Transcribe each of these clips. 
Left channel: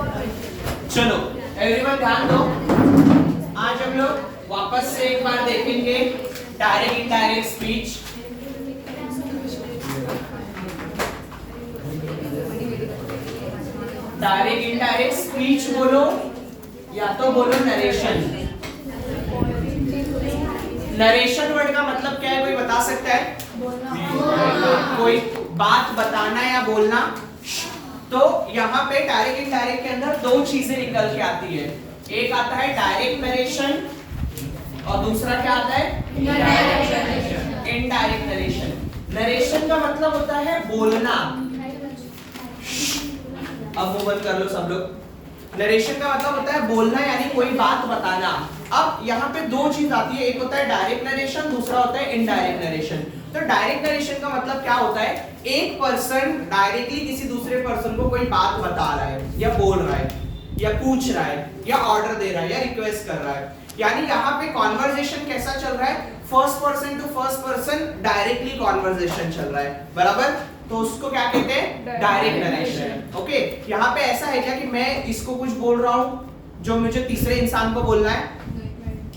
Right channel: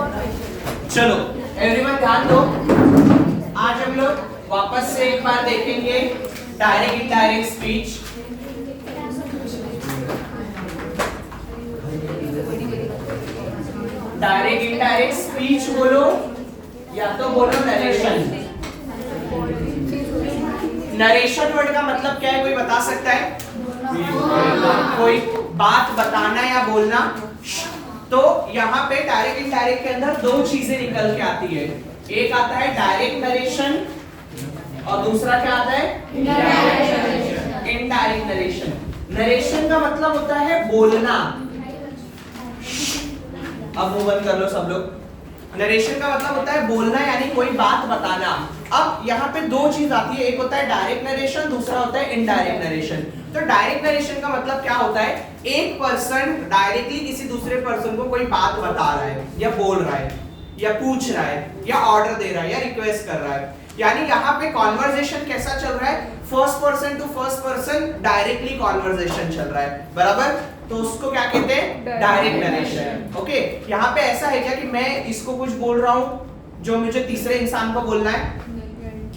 चलो एवरीवन ध्यान दो, आज हम लोग वापस से एक बार देखेंगे direct indirect speech. Direct indirect speech बोलो या तो बोलो नरेशन। नरेशन वर्ड का मतलब क्या है, कोई बता सकता है? कोई बात बताना या बोलना। तो यहाँ पे डायरेक्ट इनडायरेक्ट के अंदर दो चीजें निकल के आती है, एक आता है डायरेक्ट नरेशन और दूसरा क्या आता है? Indirect narration. नरेशन का मतलब होता है बोलना। अब वो बंद कर लो सब लोग। नरेशन का मतलब होता है बोलना, यानी कोई बात बताना। अब यहाँ पे दो चीज आती है, एक होता है डायरेक्ट नरेशन, दूसरा होता है इनडायरेक्ट नरेशन। तो डायरेक्ट नरेशन का मतलब क्या होता है, एक पर्सन डायरेक्टली किसी दूसरे पर्सन को कोई बात बता रहा है या बोल रहा है या पूछ रहा है या ऑर्डर दे रहा है या रिक्वेस्ट कर रहा है। यानी यहाँ पे कॉन्वर्सेशन कैसा चल रहा है, first person to first person directly conversation चल रहा है, बराबर। तो उसको क्या कहते हैं? Direct narration. ओके, यहाँ पे ऐसा है क्या कि मैं इसको कुछ बोल रहा हूँ जो मुझे तीसरे इंसान को बोलना है?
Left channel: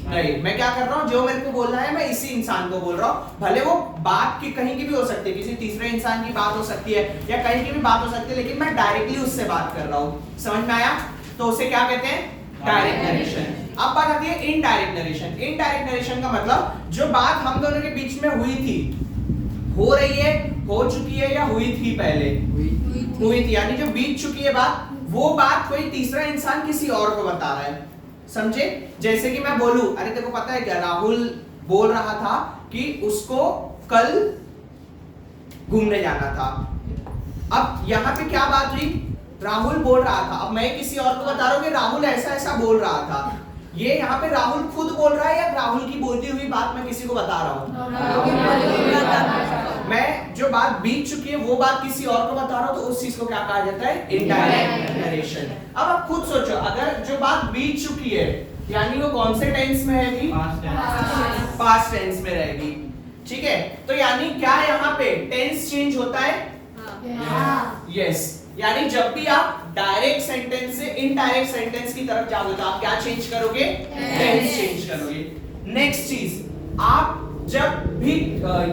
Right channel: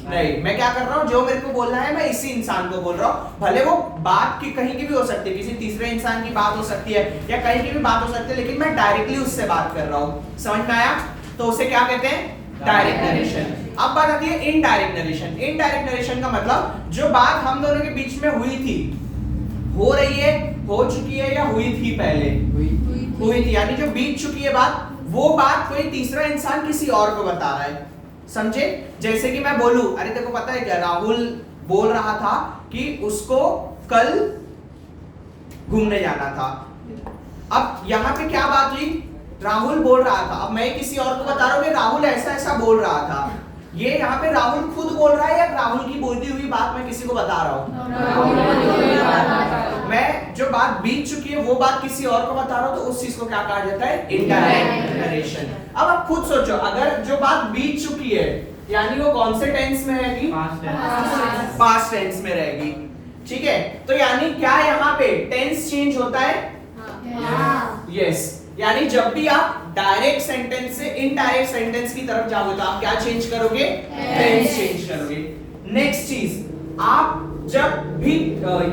नहीं, मैं क्या कर रहा हूँ, जो मेरे को बोलना है मैं इसी इंसान को बोल रहा हूँ। भले वो बात की कहीं की भी हो सकती है, किसी तीसरे इंसान की बात हो सकती है या कहीं की भी बात हो सकती है, लेकिन मैं डायरेक्टली उससे बात कर रहा हूँ। समझ में आया? तो उसे क्या कहते हैं? Direct narration. अब बात आती है इनडायरेक्ट नरेशन। इनडायरेक्ट नरेशन का मतलब जो बात हम दोनों के बीच में हुई थी, हो रही है, हो चुकी है या हुई थी पहले? हुई थी, यानी जो बीत चुकी है बात, वो बात कोई तीसरा इंसान किसी और को बता रहा है। समझे? जैसे कि मैं बोलूं, अरे तेरे को पता है क्या, राहुल बोल रहा था कि उसको कल घूमने जाना था। अब यहाँ पे क्या बात हुई, राहुल बोल रहा था, अब मैं किसी और को बता रहा हूँ कि राहुल ऐसा ऐसा बोल रहा था। ये यहाँ पे राहुल खुद बोल रहा है या राहुल की बोलती हुई बात मैं किसी को बता रहा हूँ? मैं जो बात बीत चुकी है वो बात किसी और को बता रहा हूँ, तो उस चीज को क्या कहा जाता है? Indirect narration. अब आप खुद सोचो, अगर जो बात बीत चुकी है यानी वो कौन से टेंस में रहेगी? पास्ट टेंस में रहेगी। ठीक है, तो यानी क्या यहाँ पे टेंस चेंज होता है? यस, यानी जब भी आप डायरेक्ट सेंटेंस से इनडायरेक्ट सेंटेंस की तरफ जाओगे तो आप क्या चेंज करोगे? टेंस चेंज करोगे। नेक्स्ट चीज, आप जब भी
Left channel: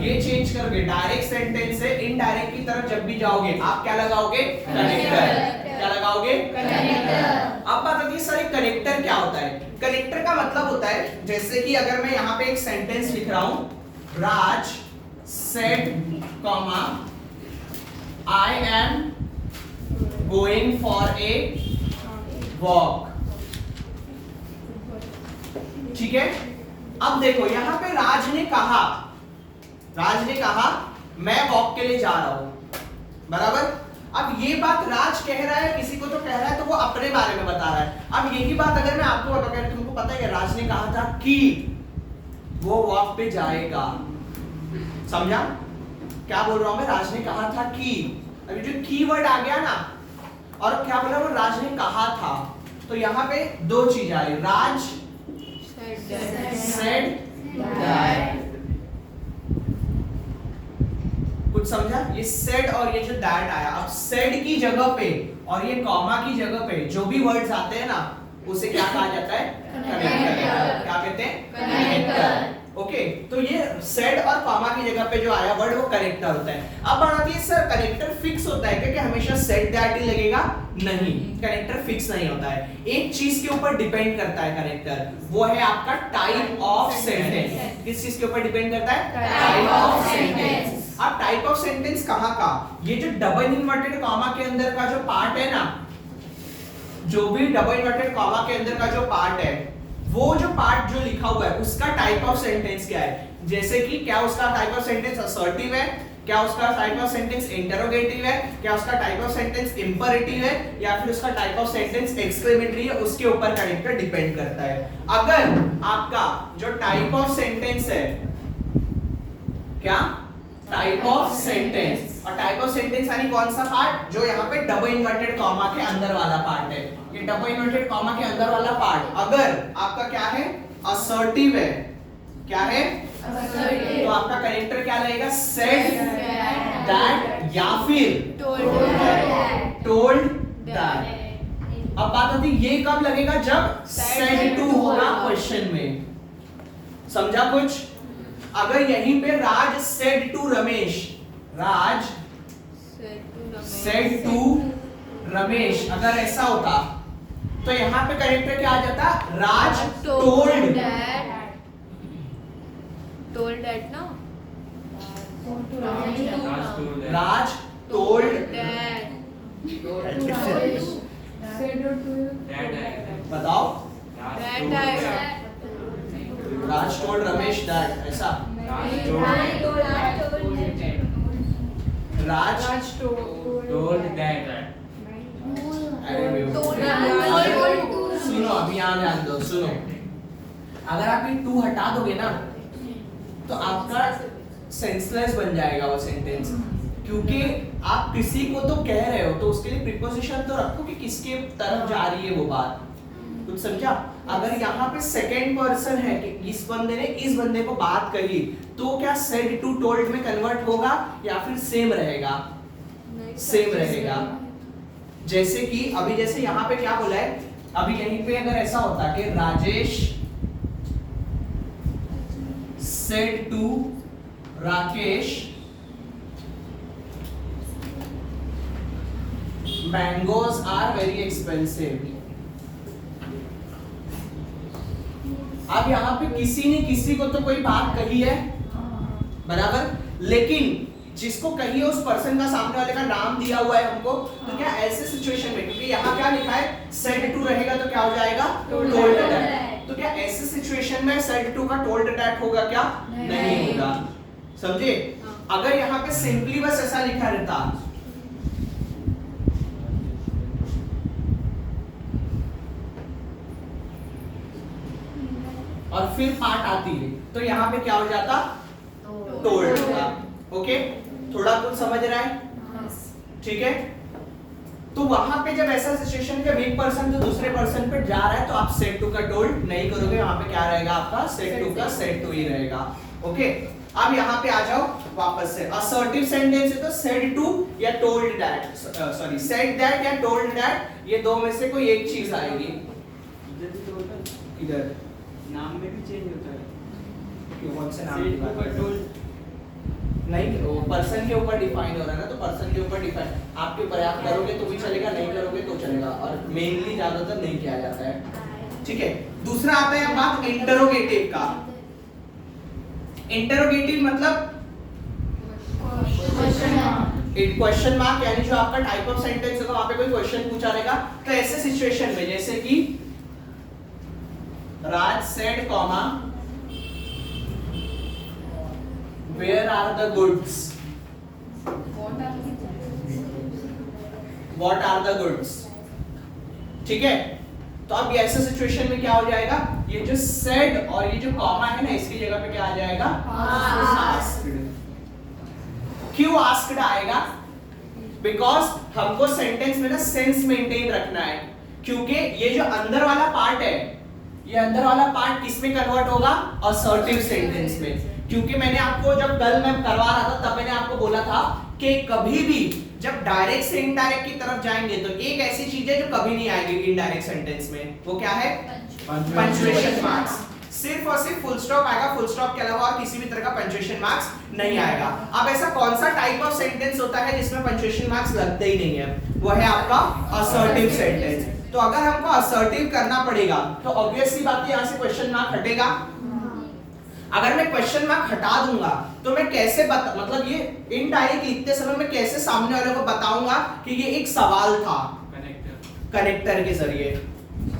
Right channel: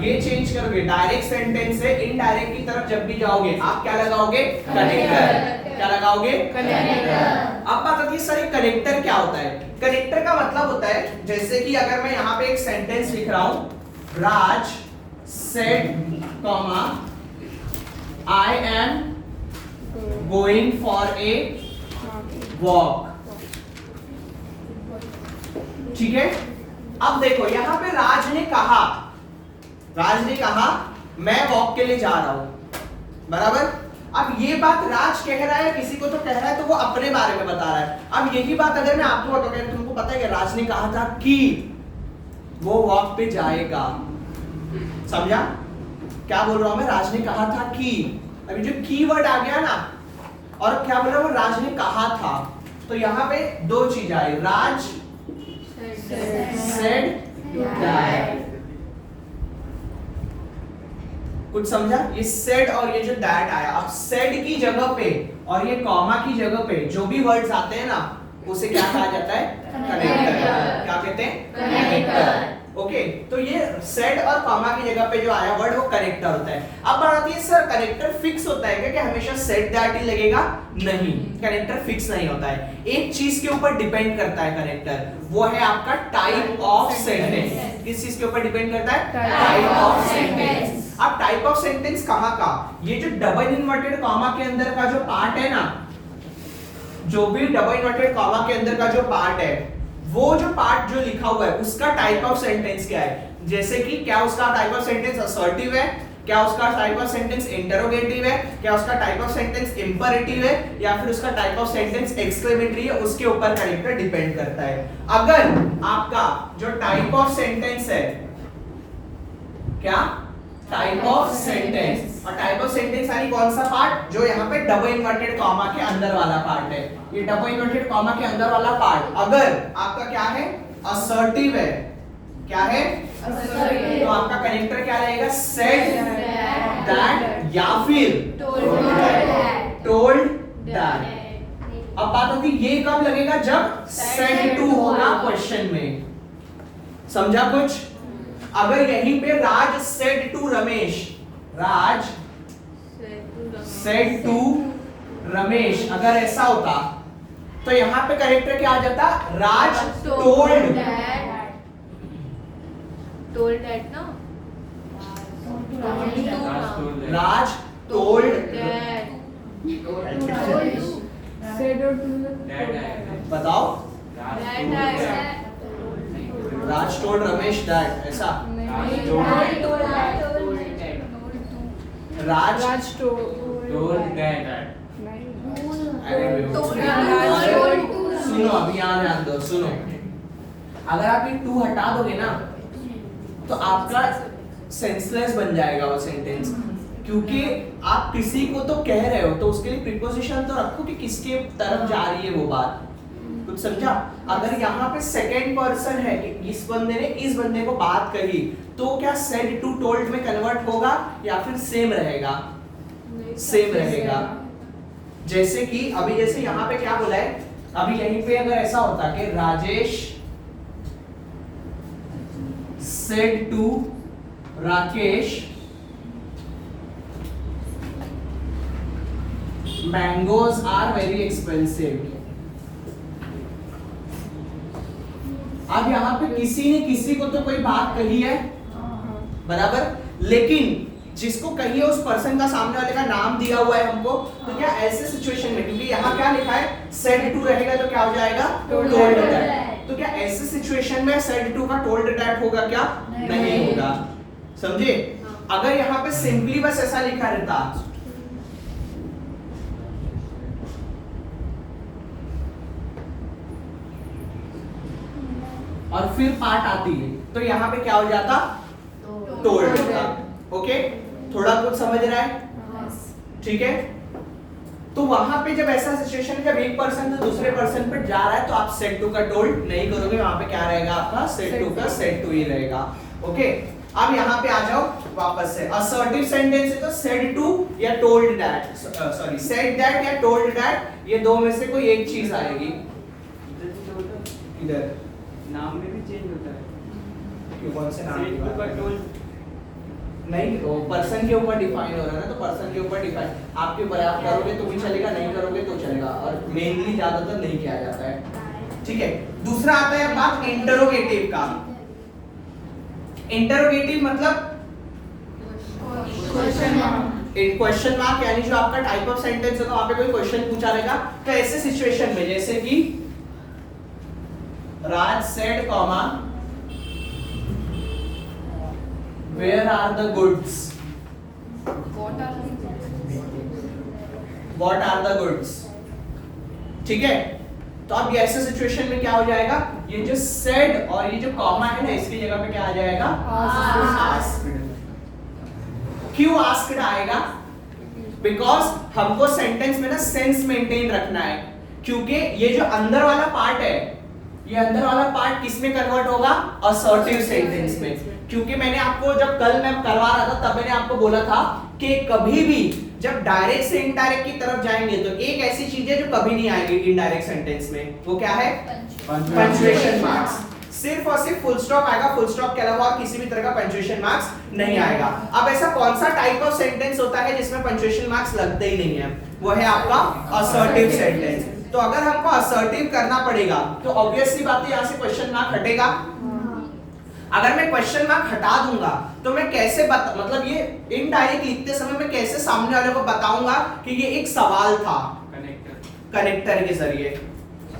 ये चेंज करोगे, डायरेक्ट सेंटेंस से इनडायरेक्ट की तरफ जब भी जाओगे, आप क्या लगाओगे? कनेक्टर। क्या लगाओगे? कनेक्टर। अब बात आती है सर कनेक्टर क्या होता है? कनेक्टर का मतलब होता है, जैसे कि अगर मैं यहाँ पे एक सेंटेंस लिख रहा हूं, Raj said comma I am going for a walk. ठीक है, अब देखो यहाँ पे राज ने कहा मैं वॉक के लिए जा रहा हूं, बराबर। अब ये बात राज कह रहा है, किसी को तो कह रहा है, तो वो अपने बारे में बता रहा है। अब यही बात अगर मैं आपको बताऊं, तुमको पता है कि राज ने कहा था कि वो वॉक पे जाएगा। समझा क्या बोल रहा हूं मैं? राज ने कहा था कि, अभी जो कीवर्ड आ गया ना, और क्या बोला वो? राज ने कहा था। तो यहाँ पे दो चीज आई, राज said that। कुछ समझा? ये said और ये जो that आया, अब said की जगह पे और ये कॉमा की जगह पे जो भी वर्ड्स आते हैं ना, उसे क्या कहा जाता है? कनेक्टर। क्या कहते हैं? कनेक्टर। ओके, तो ये सेड और कॉमा की जगह पे जो आया वर्ड वो कनेक्टर होता है। अब बात आती है सर कनेक्टर फिक्स होता है क्या, कि हमेशा सेड दैट ही लगेगा? नहीं, कनेक्टर फिक्स नहीं होता है। एक चीज के ऊपर डिपेंड करता है कनेक्टर, वो है आपका टाइप ऑफ सेंटेंस। किस चीज के ऊपर डिपेंड करता है? Type of sentence. अब टाइप ऑफ सेंटेंस कहाँ का? ये जो डबल इन्वर्टेड कॉमा के अंदर का जो पार्ट है ना, जो भी डबल इन्वर्टेड कॉमा के अंदर का जो पार्ट है, वो जो पार्ट जो लिखा हुआ है उसका टाइप ऑफ सेंटेंस क्या है। जैसे कि क्या उसका टाइप ऑफ सेंटेंस असर्टिव है, क्या उसका टाइप ऑफ सेंटेंस इंटरोगेटिव है, क्या उसका टाइप ऑफ सेंटेंस इंपेरेटिव है, या फिर उसका टाइप ऑफ सेंटेंस एक्सक्लेमेटरी है, उसके ऊपर कनेक्टर डिपेंड करता है। अगर आपका जो टाइप ऑफ सेंटेंस है, क्या टाइप ऑफ सेंटेंस, और टाइप ऑफ सेंटेंस यानी कौन सा पार्ट, जो यहाँ पे डबल इन्वर्टेड कॉमा के अंदर वाला पार्ट है, ये डबल इन्वर्टेड कॉमा के अंदर वाला पार्ट अगर आपका क्या है? असर्टिव है। क्या है? असर्टिव। तो आपका कनेक्टर क्या रहेगा? सेड दैट या फिर टोल्ड दैट। अब बात होती है, ये कब लगेगा जब सेड टू होगा क्वेश्चन में, समझा कुछ? अगर यहीं पे Raj said to Ramesh, Raj said to Ramesh अगर ऐसा होता तो यहां पे करेक्टर क्या आ जाता? राज टोल्ड डैड ना, राज टोल्ड बताओ, राज टोल्ड रमेश दैट, ऐसा राज टोल्ड दैट। सुनो अभी यहाँ ध्यान दो, सुनो अगर आप ये टू हटा दोगे ना तो आपका सेंसलेस बन जाएगा वो सेंटेंस, क्योंकि आप किसी को तो कह रहे हो तो उसके लिए प्रीपोजिशन तो रखो कि किसके तरफ जा रही है वो बात, कुछ समझा? अगर यहाँ पे सेकेंड पर्सन है कि इस बंदे ने इस बंदे को बात कही तो क्या सेड टू टोल्ड में कन्वर्ट होगा या फिर सेम रहेगा? सेम रहेगा। जैसे कि अभी जैसे यहाँ पे क्या बोला है, अभी यहीं पे अगर ऐसा होता कि Rajesh said to Rakesh mangoes are very expensive. अब यहाँ पे किसी ने किसी को तो कोई बात कही है, बराबर, लेकिन जिसको कही है उस पर्सन का सामने वाले का नाम दिया हुआ है हमको, तो क्या ऐसे सिचुएशन में, क्योंकि यहाँ क्या लिखा है सेड टू रहेगा तो क्या हो जाएगा? Told that. तो क्या ऐसे सिचुएशन में सेड टू का टोल्ड दैट होगा क्या? नहीं होगा, समझे? अगर यहाँ पे सिंपली बस ऐसा लिखा रहता और फिर पार्ट आती है तो यहाँ पे क्या हो जाता? टोल्ड होता। ओके, थोड़ा कुछ समझ रहा है? ठीक है, तो वहां पे जब ऐसा सिचुएशन जब एक पर्सन तो दूसरे पर्सन पे जा रहा है तो आप सेड टू का टोल्ड नहीं करोगे, वहां पे क्या रहेगा आपका? सेड टू का सेड टू ही रहेगा। ओके, अब यहाँ पे आ जाओ वापस से, असर्टिव सेंटेंस है तो सेड टू या told that, sorry said that या टोल्ड दैट, ये दो में से कोई एक चीज आएगी। इधर नाम में भी चेंज होता है, क्यों? कौन से नाम की बात कर रहे हो? टोल्ड नहीं, वो पर्सन के ऊपर डिफाइन हो रहा है ना, तो पर्सन के ऊपर डिफाइन, आपके ऊपर, आप करोगे तो भी चलेगा, नहीं करोगे तो चलेगा, और मेनली ज्यादातर नहीं किया जाता है। ठीक है, दूसरा आता है बात इंटरोगेटिव का। इंटरोगेटिव मतलब क्वेश्चन मार्क, यानी जो आपका टाइप ऑफ सेंटेंस होगा वहां पे कोई क्वेश्चन पूछा रहेगा, तो ऐसे सिचुएशन में जैसे कि Raj said comma where are the goods, what are the goods, ठीक है? तो अब ऐसे सिचुएशन में क्या हो जाएगा, ये जो said और ये जो कॉमा है ना, इसकी जगह पे क्या आ जाएगा? asked। क्यों asked आएगा? बिकॉज हमको सेंटेंस में ना सेंस मेंटेन रखना है, क्योंकि ये जो अंदर वाला पार्ट है, ये अंदर वाला पार्ट किस में कन्वर्ट होगा? असर्टिव सेंटेंस में। क्योंकि मैंने आपको जब कल मैं करवा रहा था तब मैंने आपको बोला था कि कभी भी जब डायरेक्ट से इनडायरेक्ट की तरफ जाएंगे तो एक ऐसी चीज है जो कभी नहीं आएगी इनडायरेक्ट सेंटेंस में, वो क्या है? Punctuation marks. सिर्फ और सिर्फ फुल स्टॉप आएगा, फुल स्टॉप के अलावा किसी भी तरह का पंक्चुएशन मार्क्स नहीं आएगा। अब ऐसा कौन सा टाइप ऑफ सेंटेंस होता है जिसमें पंक्चुएशन मार्क्स लगते ही नहीं है? वो है आपका असर्टिव सेंटेंस। तो अगर हमको असर्टिव करना पड़ेगा तो ऑब्वियसली बात है, यहाँ से क्वेश्चन मार्क हटेगा। अगर मैं क्वेश्चन मार्क हटा दूंगा तो मैं कैसे मतलब ये इनडायरेक्ट लिखते समय मैं कैसे सामने वाले को बताऊंगा कि ये एक सवाल था? कनेक्टर के जरिए,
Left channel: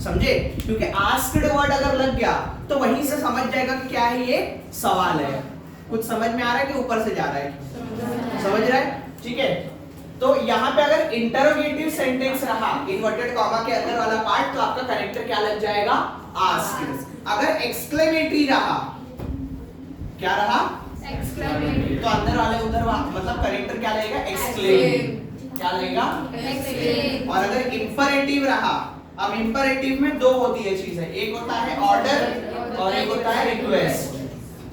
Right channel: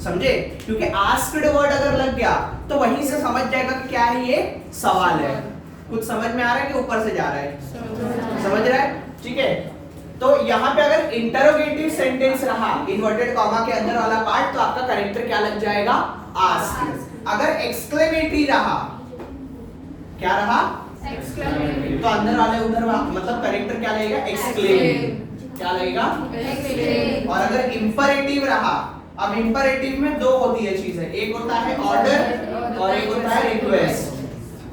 समझे? क्योंकि आस्क्ड वर्ड अगर लग गया तो वहीं से समझ जाएगा कि क्या है, ये सवाल है। कुछ समझ में आ रहा है कि ऊपर से जा रहा है? समझ रहा है? ठीक है, तो यहाँ पे अगर इंटरोगेटिव सेंटेंस रहा इन्वर्टेड कॉमा के अंदर वाला पार्ट, तो आपका कनेक्टर क्या लग जाएगा? आस्क्ड। अगर एक्सक्लेमेटरी रहा, क्या रहा? एक्सक्लेमेटरी, तो अंदर वाले उधर मतलब कनेक्टर क्या लगेगा? एक्सक्लेम। क्या लगेगा? एक्सक्लेम। और अगर इंपरेटिव रहा, अब इंपरेटिव में दो होती है चीजें, एक होता है ऑर्डर और एक होता है रिक्वेस्ट।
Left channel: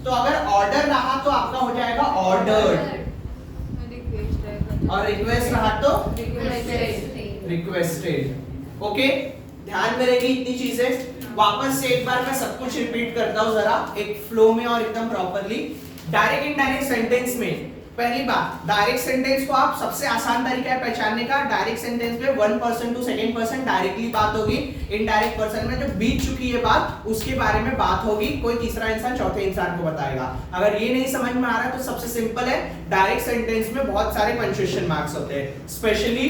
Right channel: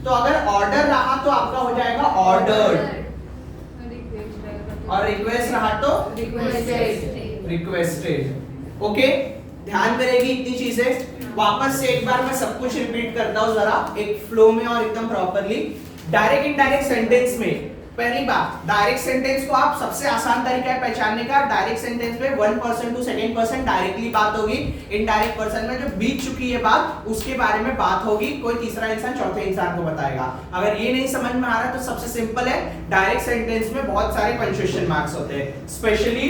तो अगर ऑर्डर रहा तो आपका हो जाएगा ऑर्डर्ड, और रिक्वेस्ट रहा तो रिक्वेस्टेड। ओके, ध्यान में रहेगी इतनी चीजें। वापस से एक बार मैं सब कुछ रिपीट करता हूं जरा एक फ्लो में और एकदम प्रॉपरली। डायरेक्ट इनडायरेक्ट सेंटेंस में पहली बात, डायरेक्ट सेंटेंस को आप सबसे आसान तरीका है पहचानने का, डायरेक्ट सेंटेंस में 1% टू 2% डायरेक्टली बात होगी, इनडायरेक्ट पर्सन में जो बीत चुकी है बात उसके बारे में बात होगी, कोई तीसरा इंसान चौथे इंसान को बताएगा। अगर ये नहीं समझ में आ रहा है तो सबसे सिंपल है, डायरेक्ट सेंटेंस में बहुत सारे पंक्चुएशन मार्क्स होते हैं, स्पेशली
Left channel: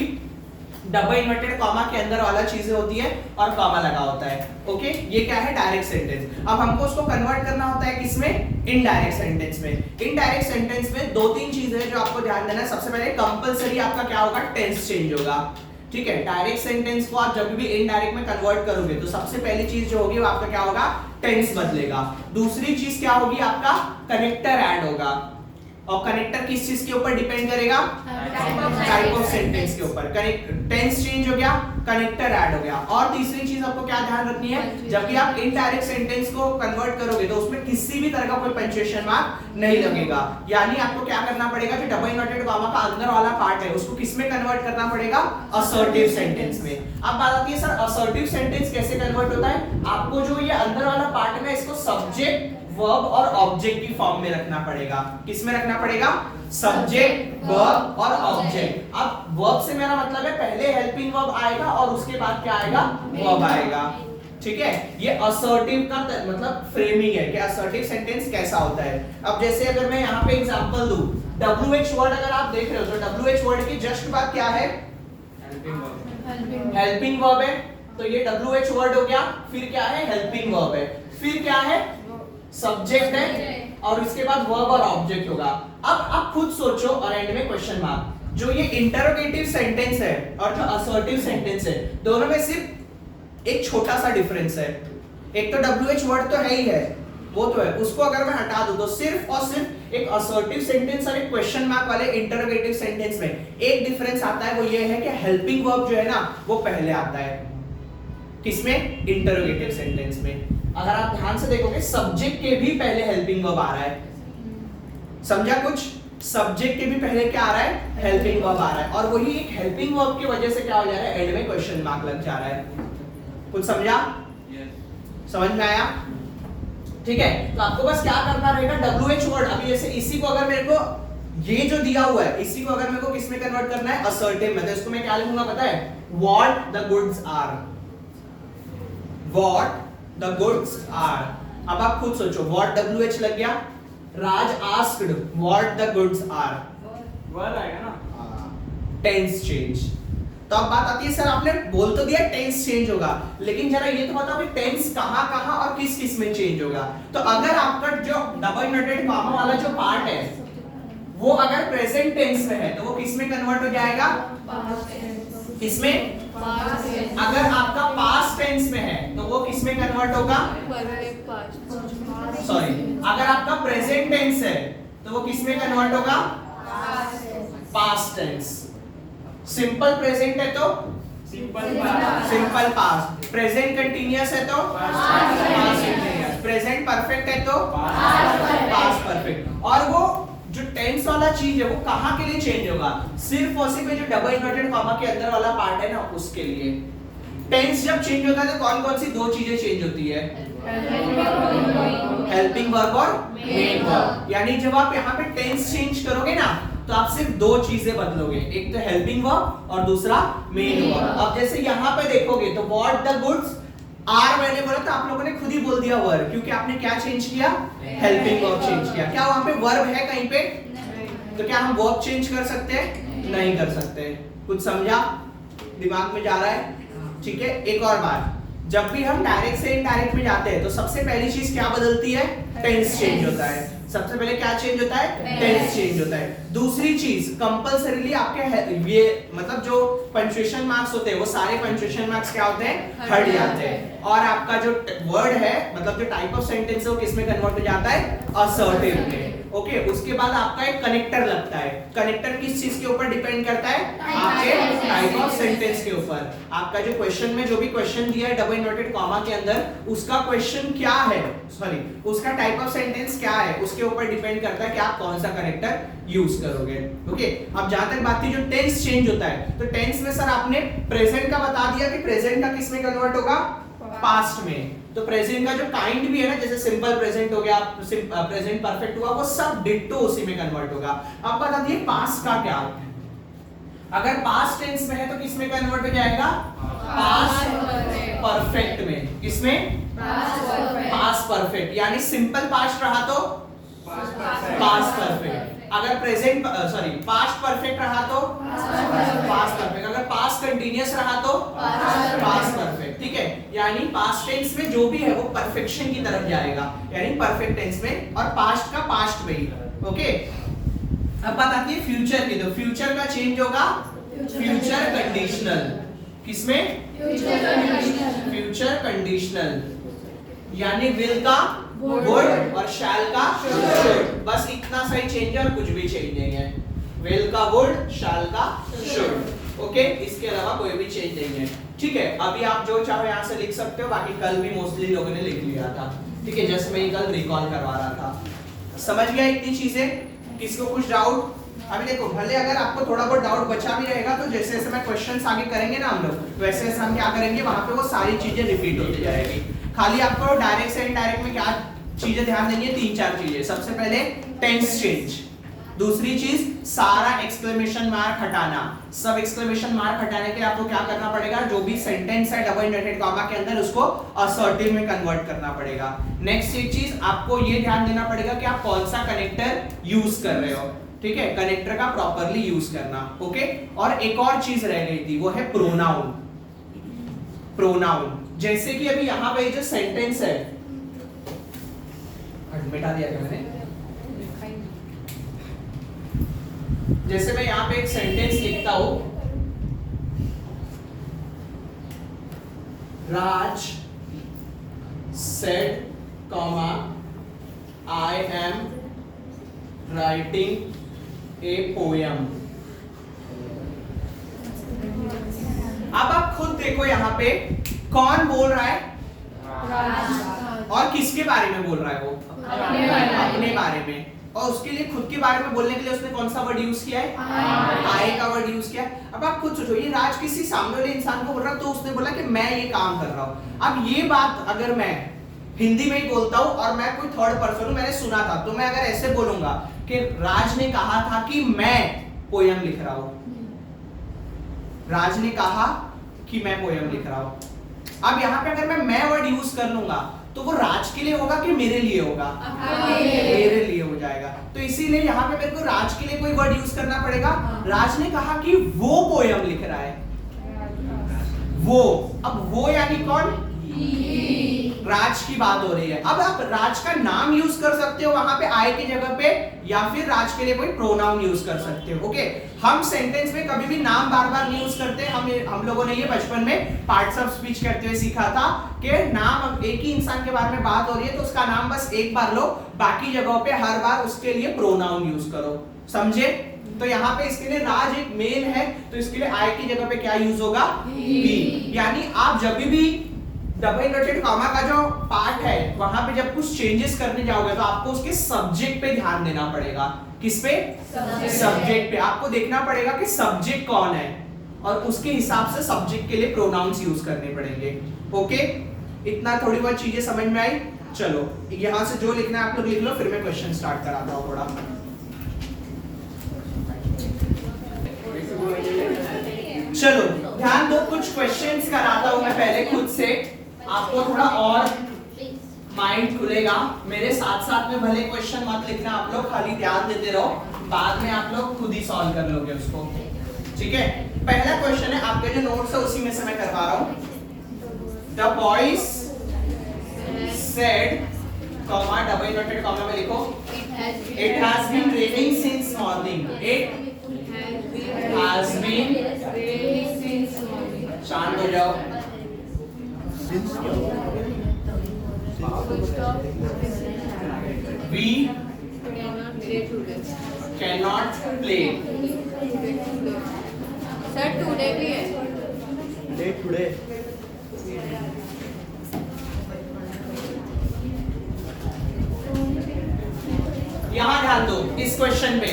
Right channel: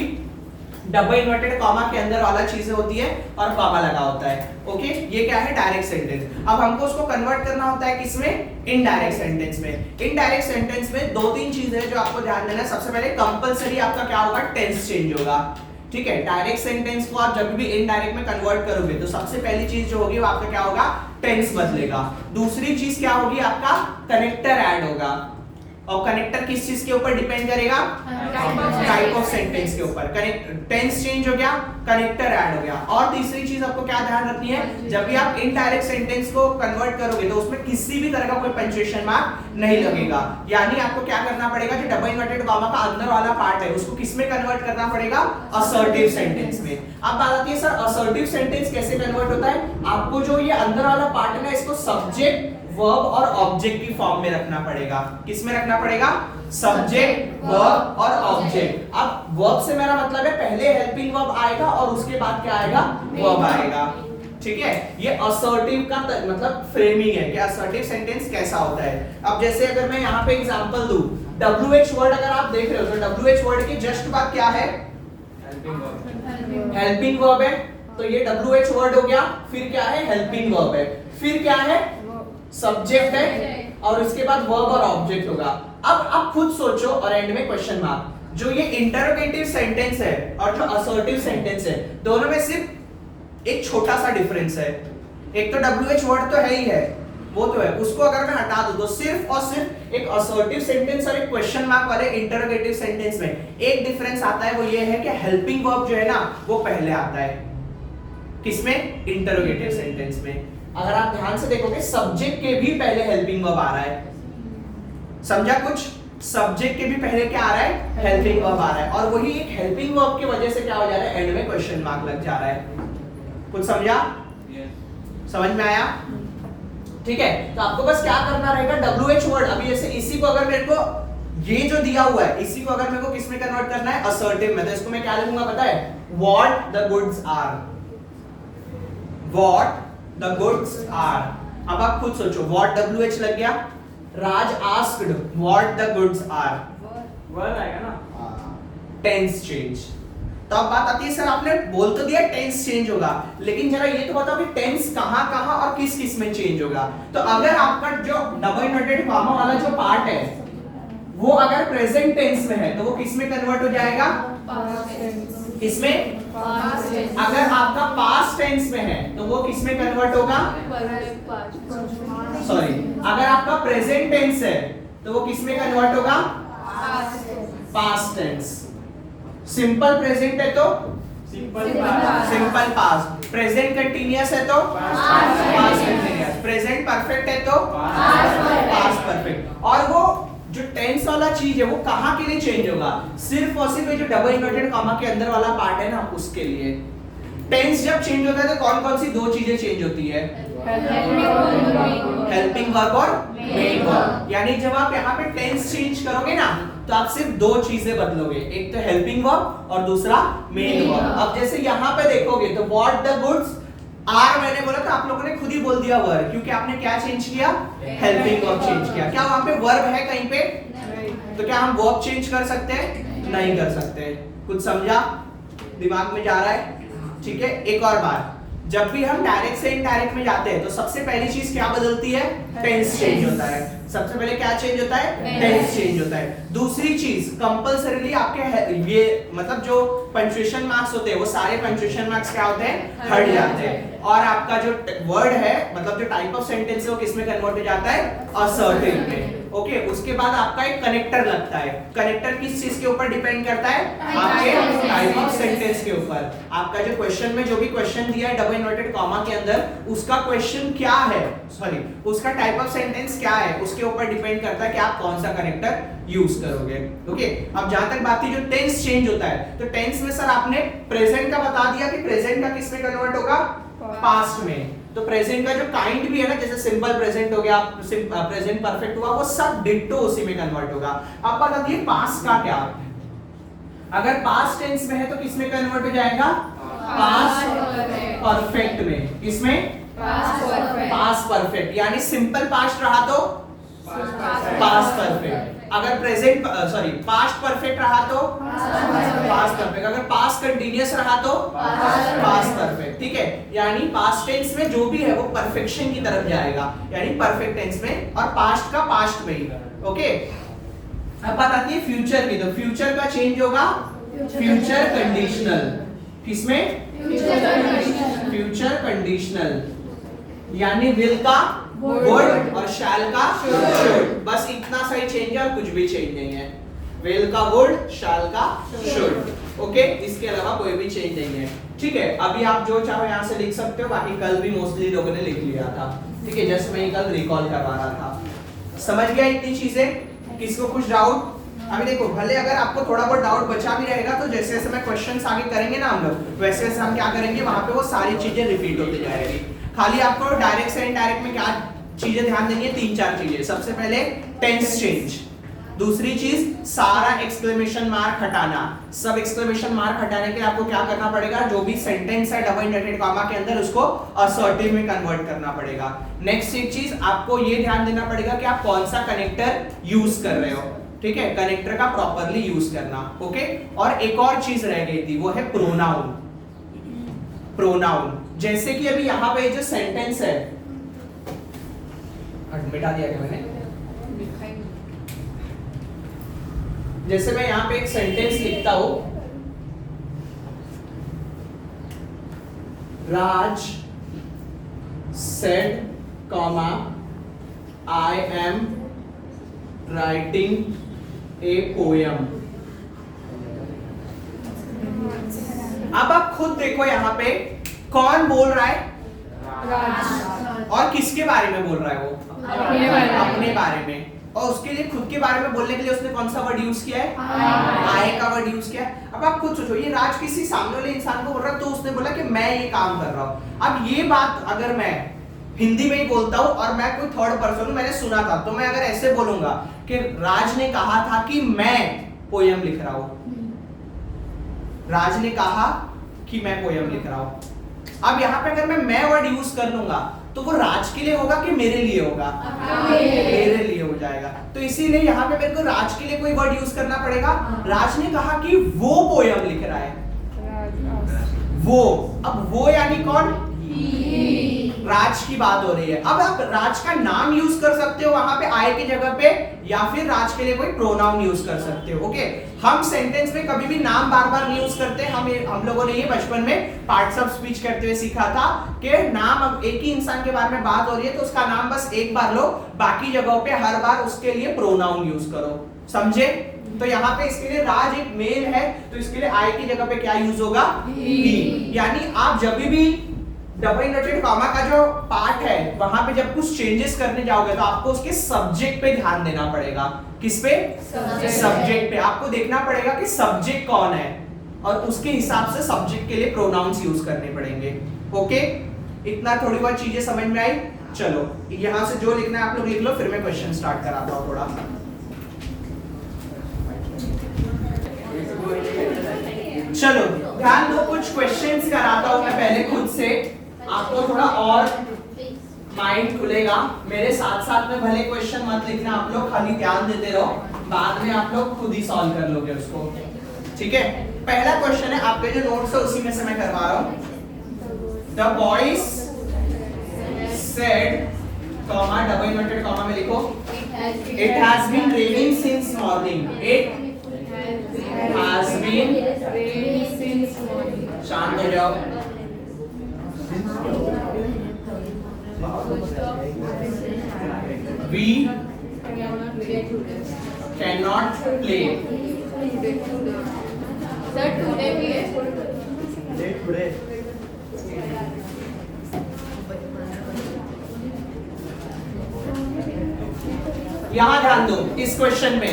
डबल इन्वर्टेड कॉमा के अंदर वाला चीजें होती है और कॉमा लगा होता है। ओके, ये क्या है डायरेक्ट सेंटेंस। अब हमको उसको कन्वर्ट करना होता है किसमें, इनडायरेक्ट सेंटेंस में। इनडायरेक्ट सेंटेंस में दो तीन चीजें हैं जो आपको ध्यान देना है। सबसे पहले कंपलसरी आपका क्या होगा, टेंस चेंज होगा। ठीक है, डायरेक्ट सेंटेंस को आप जब भी इनडायरेक्ट में कन्वर्ट करोगे तो सबसे पहली चीज जो होगी वो आपका क्या होगा, टेंस बदलेगा। दूसरी चीज क्या होगी, आपका कनेक्टर ऐड होगा, और कनेक्टर किस चीज के ऊपर डिपेंड करेगा, टाइप ऑफ सेंटेंस के ऊपर। टेंस चेंज हो गया, कनेक्टर ऐड हो गया। और तीसरी चीज आपको क्या ध्यान रखनी है, जब भी आप इनडायरेक्ट सेंटेंस को कन्वर्ट करोगे तो उसमें किसी भी तरह का कोई पंक्चुएशन मार्क नहीं लगेगा। यानी आपको क्या करना पड़ेगा, जो डबल इन्वर्टेड कॉमा का अंदर वाला पार्ट है उसको किस में कन्वर्ट करना पड़ेगा, असर्टिव सेंटेंस में। अब बात आती है सर असर्टिव सेंटेंस कैसे कन्वर्ट होता है। आपको जो ये अंदर वाला पार्ट है ना, इसको सब्जेक्ट वर्ब और ऑब्जेक्ट की फॉर्म में रखना पड़ेगा। किस में रखना पड़ेगा, सब्जेक्ट वर्ब और ऑब्जेक्ट। अब वर्ब से मेरा मतलब है पहले हेल्पिंग वर्ब आएगा और उसके बाद क्या आएगा, वर्ब आएगा। ठीक है, ये असर्टिव का मतलब फ्रेमिंग है कि असर्टिव सेंटेंस कैसा होता है। अब जैसे अगर मैं यहाँ पे एग्जांपल दूं, WH वर्ड अगर आप देख रहे हो तो WH वर्ड के जस्ट बाद क्या है, हेल्पिंग वर्ब है। तो ये WH वर्ड हो गया, फिर क्या है, हेल्पिंग वर्ब है, फिर क्या है, सब्जेक्ट है, और इसके बाद वर्ब और ऑब्जेक्ट होगा। अब आप खुद सोचो और एंड में क्वेश्चन मार्क। जो ये इंटरोगेटिव सेंटेंस है और जो असर्टिव सेंटेंस है, दोनों में सिर्फ एक छोटा सा डिफरेंस है। एक तो WH वर्ड तो है ही है, वो तो है, उसको अगर मैं हटा दूं तो सिर्फ और सिर्फ एक असर्टिव सेंटेंस और एक क्वेश्चन मार्क वाले इंटरोगेटिव सेंटेंस में एक डिफरेंस आता है, वो ये है कि हेल्पिंग वर्ब जो है ना वो पहले आता है। किसमें, इंटरोगेटिव सेंटेंस में। अगर आप ध्यान से देखोगे सब्जेक्ट के भी पहले हेल्पिंग वर्ब आ रहा है। समझा कुछ, सब्जेक्ट के भी पहले क्या आ रहा है, हेल्पिंग वर्ब आ रहा है, और वही एक हेल्पिंग वर्ब की वजह से क्या हो जा रहा है, एंड में क्वेश्चन मार्क लग जा रहा है। कुछ समझा, समझ में आया। ठीक है, तो आपको बस क्या करना रहेगा, WH वर्ड, अभी जैसे इसी को अगर मेरे को ये जो दिया हुआ है इसी को अगर मेरे को किसमें कन्वर्ट करना है, असर्टिव में, तो इसको मैं क्या लिखूंगा पता है, what the goods are. What the goods are. अब आप खुद सोचो, व्हाट WH लग गया, Raj asked what the goods are, verb आएगा ना, टेंस चेंज। तो अब बात आती है सर आपने बोल तो दिया टेंस चेंज होगा, लेकिन जरा ये तो बताओ कि टेंस कहां कहां और किस किस में चेंज होगा। तो अगर आपका जो डबल इन्वर्टेड कॉमा वाला जो पार्ट है वो अगर प्रेजेंट टेंस में है तो वो किस में कन्वर्ट हो जाएगा, किसमें, अगर आपका पास्ट टेंस में है तो वो किस में कन्वर्ट होगा, सॉरी, अगर आपका प्रेजेंट टेंस है तो वो किस में कन्वर्ट होगा, पास्ट टेंस। सिंपल प्रेजेंट है तो सिंपल पास्ट, प्रेजेंट कंटीन्यूअस है तो पास्ट कंटीन्यूअस, प्रेजेंट परफेक्ट है तो पास्ट परफेक्ट। और वो जो टेंस वाला चीज है वो कहां के लिए चेंज होगा, सिर्फ और सिर्फ जो डबल इन्वर्टेड कॉमा के अंदर वाला पार्ट है ना उसके लिए। टेंस जब चेंज होता है तो कौन कौन सी दो चीजें चेंज होती है, हेल्पिंग वर्ब और मेन वर्ब। यानी जब आप यहाँ पे टेंस चेंज करोगे ना तो आप सिर्फ दो चीजें बदलोगे, एक तो हेल्पिंग वर्ब और दूसरा मेन वर्ब। अब जैसे यहाँ पे देखोगे तो व्हाट द गुड्स आर मैंने बोला था, आप लोगों ने खुद ही बोल दिया वर्ब, क्योंकि आपने क्या चेंज किया, हेल्पिंग वर्ब चेंज किया। क्या वहां पे वर्ब है कहीं पे, तो क्या हम वर्ब चेंज कर सकते हैं, नहीं कर सकते। कुछ समझा, दिमाग में जा रहा है। ठीक है, एक और बात, जब भी हम डायरेक्ट से इनडायरेक्ट में जाते हैं तो सबसे पहली चीज क्या बदलती है, टेंस चेंज होता है। सबसे पहले क्या चेंज होता है, टेंस चेंज होता है। दूसरी चीज कंपलसरीली आपके ये मतलब जो पंक्चुएशन मार्क्स होते हैं वो सारे पंक्चुएशन मार्क्स क्या होते हैं, हट जाते हैं, और आपका जो वर्ड है मतलब जो टाइप ऑफ सेंटेंस है वो किस में कन्वर्ट हो जाता है, असर्टिव में। ओके उसके बाद आपका एक कनेक्टर लगता है। कनेक्टर किस चीज के ऊपर डिपेंड करता है? आपके टाइप ऑफ सेंटेंस के ऊपर। आपका जो क्वेश्चन में जो भी क्वेश्चन दिया है डबल इन्वर्टेड कॉमा के अंदर, उसका क्वेश्चन क्या है, सॉरी उसका टाइप ऑफ सेंटेंस क्या है, उसके ऊपर डिपेंड करता है कि आप कौन सा कनेक्टर यूज करोगे। ओके अब जहां तक बात थी जो टेंस चेंज होता है, तो टेंस में सर आपने प्रेजेंट का बता दिया कि प्रेजेंट का किस में कन्वर्ट होगा? पास्ट में। तो प्रेजेंट का जो काइंड भी है ना, जैसे सिंपल प्रेजेंट हो गया, प्रेजेंट परफेक्ट हुआ, वो सब डिट्टो उसी में कन्वर्ट होगा। अब बता दिए पास्ट का क्या? अगर पास्ट टेंस में है तो किस में कन्वर्ट हो जाएगा? पास्ट परफेक्ट में। किसमें? Past perfect. यानी सिंपल पास्ट रहा तो पास्ट परफेक्ट, अगर प्रेजेंट सॉरी पास्ट परफेक्ट रहा तो पास्ट परफेक्ट, अगर पास्ट कंटीन्यूअस रहा तो पास्ट परफेक्ट। ठीक है, यानी पास्ट टेंस में जो भी है वो परफेक्शन की तरफ जाएगा, यानी परफेक्ट टेंस में, और पास्ट का पास्ट में ही। ओके अब बात आती है फ्यूचर की। तो फ्यूचर का चेंज होगा फ्यूचर कंडीशनल। किसमें? फ्यूचर कंडीशनल, यानी विल का वुड और शैल का शुड। बस इतना सही चेंज है और कुछ भी चेंज नहीं है। विल का वुड, शैल का शुड। ओके इसके अलावा कोई भी चेंज नहीं है। ठीक है अभी आप जो चाहो यहाँ से लिख सकते हो, बाकी कल भी मोस्टली लोगों ने लिख लिया था। ठीक है जस्ट मैं कल रिकॉल करवा रहा था। समझ गया इतनी चीजें? किसको कुछ डाउट? अभी देखो भले अगर आपको थोड़ा बहुत डाउट बचा भी रहेगा तो जैसे जैसे मैं क्वेश्चंस आगे करेंगे ना हम लोग, वैसे वैसे हम क्या करेंगे वहां पे वो सारी चीजें रिपीट होती जाएगी। खाली आपको डायरेक्ट से इनडायरेक्ट में क्या चीजें ध्यान देनी है? 3-4 चीजें। सबसे पहले टेंस चेंज, दूसरी चीज सारा एक्सक्लेमेशन मार्क हटाना। सब एक्सक्लेमेशन मार्क हटाने के लिए आपको क्या करना पड़ेगा? जो भी सेंटेंस है डबल इन्वर्टेड कॉमा के अंदर उसको असर्टिव में कन्वर्ट करना पड़ेगा। नेक्स्ट एक चीज आपको ये ध्यान देना पड़ेगा कि आप कौन सा कनेक्टर यूज कर रहे हो। ठीक है कनेक्टर का प्रॉपरली यूज करना। ओके और एक और चीज रह गई थी, वो है प्रोनाउन। प्रोनाउन जैसे कि अभी यहाँ पे जो सेंटेंस है, मिटा दिया क्या मैंने? जैसे मैं यहाँ पे एक सेंटेंस लिखता हूं, राज said, I am writing a poem। अब आप खुद देखो यहाँ पे कौन बोल रहा है? और किसके बारे में बोल रहा है? वो अपने बारे में। और उसके लिए खुद के बारे में बोलने के लिए उसने कौन सा वर्ड यूज किया है? आई का वर्ड यूज किया। अब आप खुद सोचो, ये राज किसी सामने वाले इंसान को बोल रहा है, तो उसने बोला कि मैं ये काम कर रहा हूं। अब ये बात अगर मैं हिंदी में ही बोलता हूं और मैं कोई थर्ड पर्सन हूं, मैंने सुना था, तो मैं अगर ऐसे बोलूंगा कि राज ने कहा था कि मैं पोयम लिख रहा हूं, राज ने कहा कि मैं पोयम लिख रहा हूं। अब यहाँ पे अगर मैं वर्ड यूज कर लूंगा तो वो राज के लिए होगा कि मेरे लिए होगा? मेरे लिए हो जाएगा। तो इसीलिए यहाँ पे मेरे को राज के लिए कोई वर्ड यूज करना पड़ेगा। राज ने कहा कि वो पोयम लिख रहा है। वो, अब वो यानी कौन? राज की बात हो रही है। अब आप राज का नाम यूज कर सकते हो वहां पे आई की जगह पे, या फिर राज के लिए कोई प्रोनाउन यूज कर सकते हो। ओके हम सेंटेंस में कभी भी नाम बार बार नहीं यूज करते। हम लोगों ने ये बचपन में पार्ट्स ऑफ स्पीच करते हुए सीखा था कि नाम, एक ही इंसान के बारे में बात हो रही है तो उसका नाम बस एक बार लो, बाकी जगहों पे हर बार उसके लिए प्रोनाउन यूज करो। समझे? तो यहाँ पे इसके लिए राज एक मेल है, तो इसके लिए आई की जगह पे क्या यूज होगा? ही। यानी आप जब भी डबल इन्वर्टेड कॉमा का जो पार्ट है वहां पे जब कुछ चेंजेस करने जाओगे तो आपको उसके सब्जेक्ट पे ध्यान देना पड़ेगा। किस पे? सब्जेक्ट पे। आपको देखना पड़ेगा कि सब्जेक्ट कौन है और उसके हिसाब से सब्जेक्ट के लिए प्रोनाउंस यूज करने पड़ेंगे। ओके इतना थोड़ी बहुत चीजें समझ में आई? चलो यहां से जो लिखना है आप लोग लिख लो, फिर मैं क्वेश्चन स्टार्ट कराता हूं थोड़ा। चलो ध्यान दो, कुछ क्वेश्चंस कराता हूं मैं पहले खुद से, आपको थोड़ा और माइंड खुलेगा। मेरे साथ साथ में भले क्वेश्चन मत लिखना आप लोग, खाली ध्यान देते रहो, बाद में आप लोग खुद ही सॉल्व कर लोगे उसको। ठीक है पहला क्वेश्चन है, आपके जो नोट्स है उसी में से मैं करवा रहा हूं। The boys said, comma double inverted comma में लिखो, it has been raining since morning. It has been, शांत हो जाओ। We can not play. Sir today भी है। यहां ध्यान दो इस क्वेश्चन पे,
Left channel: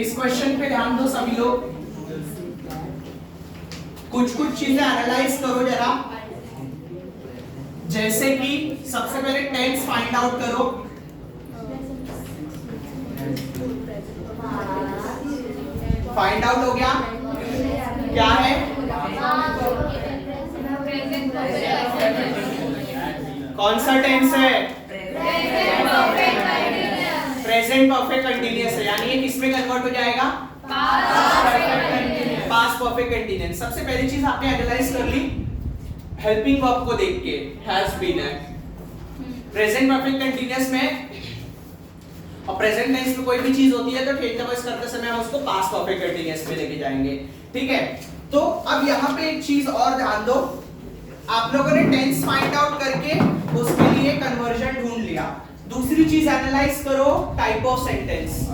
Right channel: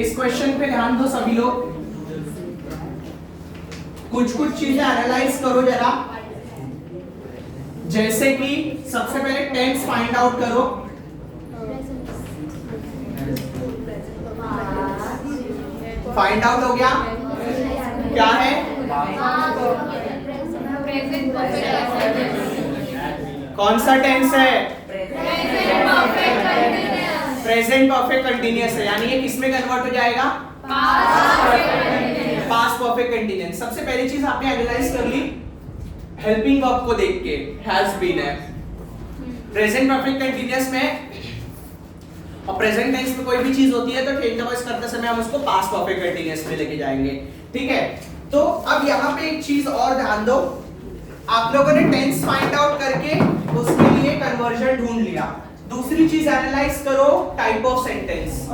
इस क्वेश्चन पे ध्यान दो सभी लोग। कुछ कुछ चीजें एनालाइज करो जरा, जैसे कि सबसे पहले टेंस फाइंड आउट करो। फाइंड आउट हो गया, क्या है? कौन सा टेंस है? प्रेजेंट परफेक्ट कंटीन्यूअस है, यानी ये किसमें कन्वर्ट हो जाएगा? Past perfect continuous. सबसे पहली चीज आपने एनालाइज कर ली हेल्पिंग वर्ब को देख के, हैज बीन है। प्रेजेंट परफेक्ट कंटीन्यूअस में और प्रेजेंट टेंस में कोई भी चीज होती है तो चेंज द वॉइस करते समय हम उसको पास्ट परफेक्ट कंटीन्यूअस में लेके जाएंगे, ठीक है? तो अब यहाँ पे एक चीज और ध्यान दो, आप लोगों ने टेंस फाइंड आउट करके उसके लिए कन्वर्जन ढूंढ लिया। दूसरी चीज एनालाइज करो टाइप ऑफ सेंटेंस।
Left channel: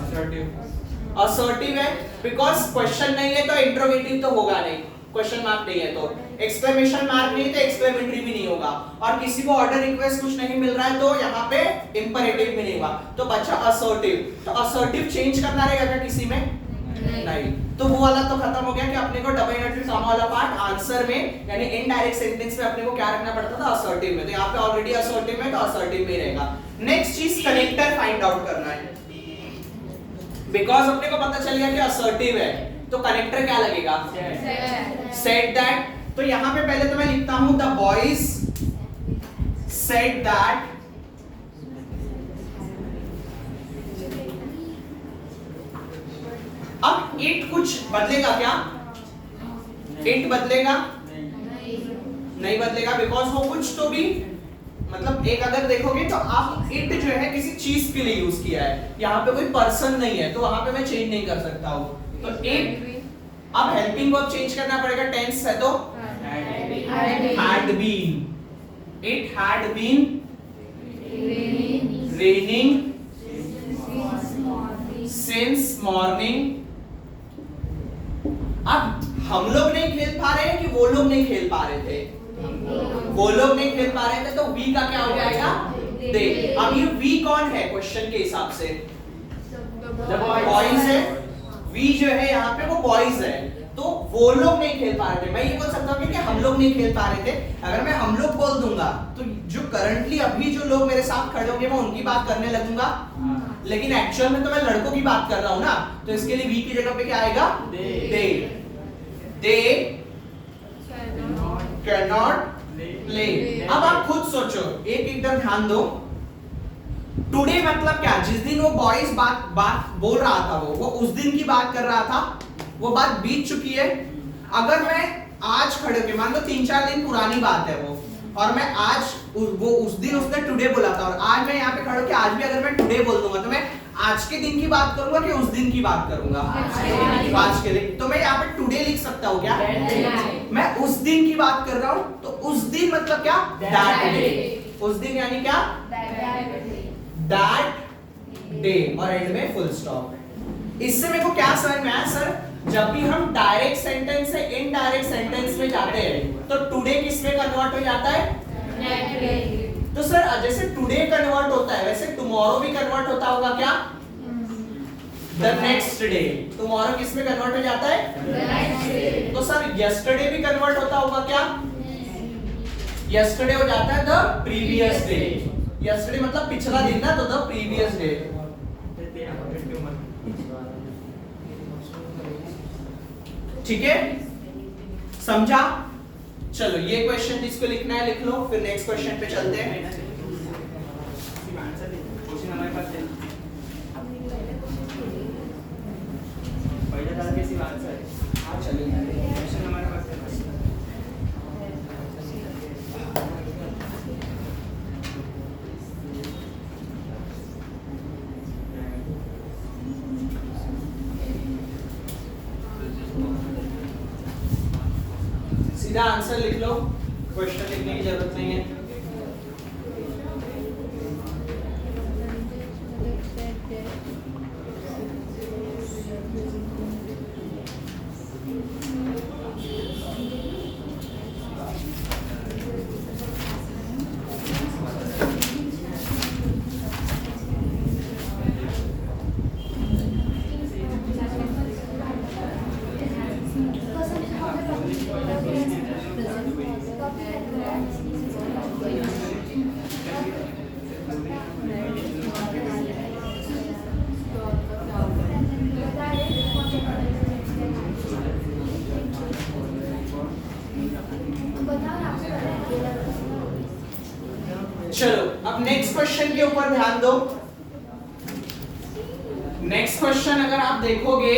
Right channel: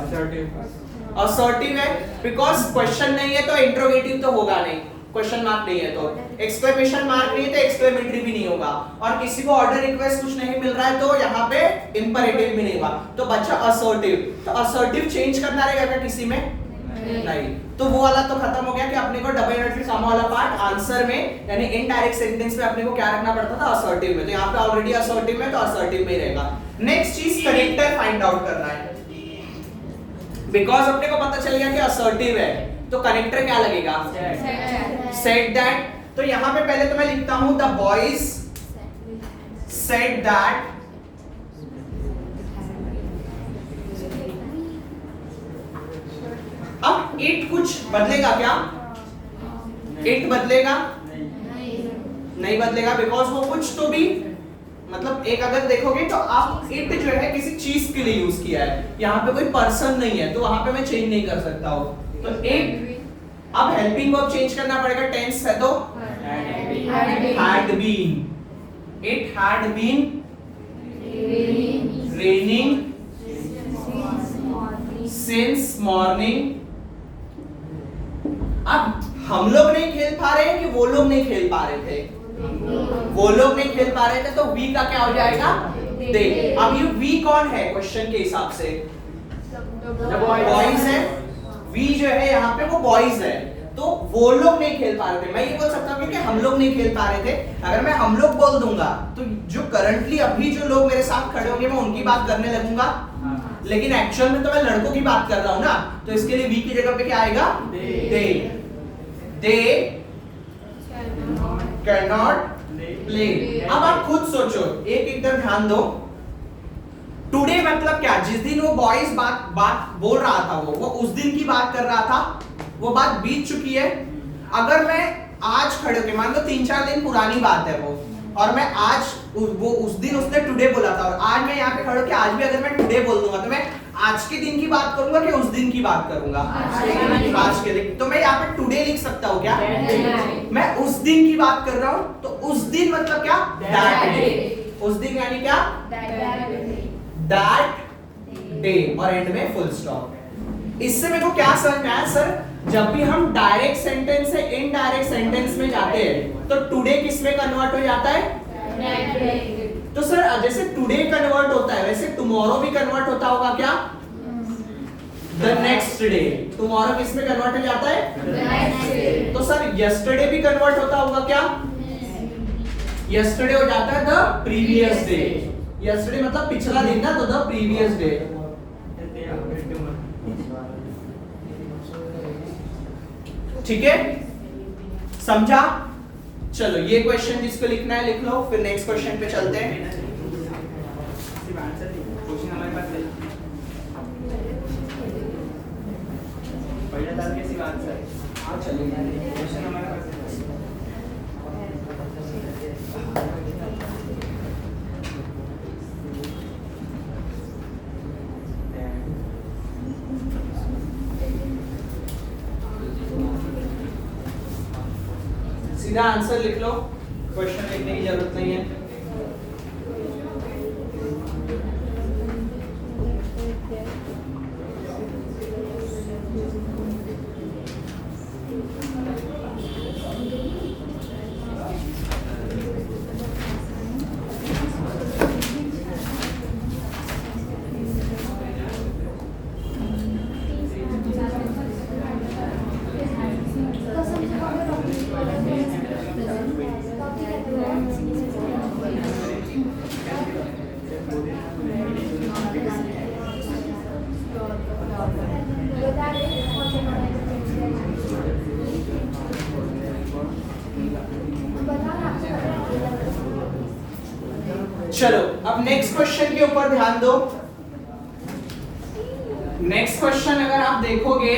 असर्टिव है बिकॉज क्वेश्चन नहीं है तो इंट्रोगेटिव तो होगा नहीं, क्वेश्चन मार्क नहीं है तो, एक्सक्लेमेशन मार्क नहीं है तो एक्सक्लेमेटरी भी नहीं होगा, और किसी को ऑर्डर रिक्वेस्ट कुछ नहीं मिल रहा है तो यहाँ पे इंपरेटिव भी नहीं होगा, तो बच्चा असर्टिव। तो असर्टिव चेंज करना रहेगा क्या किसी में? नहीं। तो वो वाला तो खत्म हो गया कि अपने को डबल इनवर्टेड कॉमा वाला पार्ट आंसर में यानी इनडायरेक्ट सेंटेंस में अपने को क्या रखना पड़ता था? असर्टिव में। तो यहाँ पे ऑलरेडी असर्टिव में तो असर्टिव में ही रहेगा। नेक्स्ट चीज कनेक्टर फाइंड आउट करना है, बिकॉज अपने को पता चल गया कि असर्टिव है तो कनेक्टर क्या लगेगा? Said that. तो यहाँ पे पहले तो मैं लिखता हूं द बॉयज सेड दैट अब इट कुछ बदलेगा क्या? इट बदलेगा? नहीं बदलेगा, बिकॉज वो कुछ तो भी मतलब एक अगर देखोगे तो आप इट जो है किसी चीज के लिए यूज किया है, यहाँ पे कोई पर्सन नहीं है तो वहां पे मैं चेंज नहीं कर सकता हूँ। तो इट अब हेल्पिंग वर्ब चेंज करना पड़ेगा, टेंस है तो had been, it had been raining since morning। अब हम लोग नहीं खेल पा रहे हैं कि वो लोग नहीं खेल पा रहे थे? वो लोग नहीं खेल पा रहे थे तो वी का क्या हो जाएगा? दे। अब ये वी कौन है क्वेश्चन के हिसाब से? बॉयज है। वी जो है यहाँ पे वो बॉयज है, तो वो लोग नहीं खेल पा रहे थे। मैं ये बोल सकता हूँ कि हम लोग नहीं खेल पा रहे थे। अगर मैं हम लोग बोल दूंगा तो जो करंटली अभी जो लोग मेरे साथ खड़े होंगे मैं उनकी बात करने लगूंगा, लेकिन एक्चुअल में तो मैं लड़कों की बात कर रहा हूं ना, तो इसके लिए वी की जगह पे क्या आएगा? They can not play. अब आप खुद सोचो, एक एकदम ध्यान दो, टुडे मतलब क्या? जिस दिन वो बॉयज बात बोल रहा था वो उस दिन की बात कर रहा था, वो बात बीत चुकी है। अगर मैं आज खड़े होके, मान लो 3-4 दिन पुरानी बात है वो, और मैं आज वो उस दिन उसने टुडे बोला था और आज मैं यहाँ पे खड़े होके आज भी अगर मैं टुडे बोल दूंगा तो मैं आज के दिन की बात करूंगा कि उस दिन की बात करूंगा? आज के दिन। तो मैं यहाँ पे टुडे लिख सकता हूँ क्या? मैं उस दिन की बात कर रहा हूँ तो उस दिन मतलब क्या? That day. उस दिन यानी क्या? दैट डे, और एंड में फुल स्टॉप। इससे मेरे को क्या समझ में आया सर? जब भी हम डायरेक्ट सेंटेंस से इनडायरेक्ट सेंटेंस में जाते हैं तो टुडे किस में कन्वर्ट हो जाता है? तो सर जैसे टुडे कन्वर्ट होता है वैसे टुमारो भी कन्वर्ट होता होगा क्या? The next day. टुमारो किस में कन्वर्ट हो जाता है? तो सर यस्टरडे भी कन्वर्ट होता होगा क्या? यस्टरडे हो जाता है द प्रीवियस डे। यस्टरडे मतलब पिछला दिन ना, तो द प्रीवियस डे। ठीक है, समझा? चलो ये क्वेश्चन जिसको लिखना है लिख लो, फिर नेक्स्ट क्वेश्चन पे चलते हैं। हाँ चलिए, सीधा आंसर लिख लो, क्वेश्चन लिखने की जरूरत नहीं है। चलो अब नेक्स्ट क्वेश्चन के ऊपर ध्यान दो। नेक्स्ट क्वेश्चन अगर आप देखोगे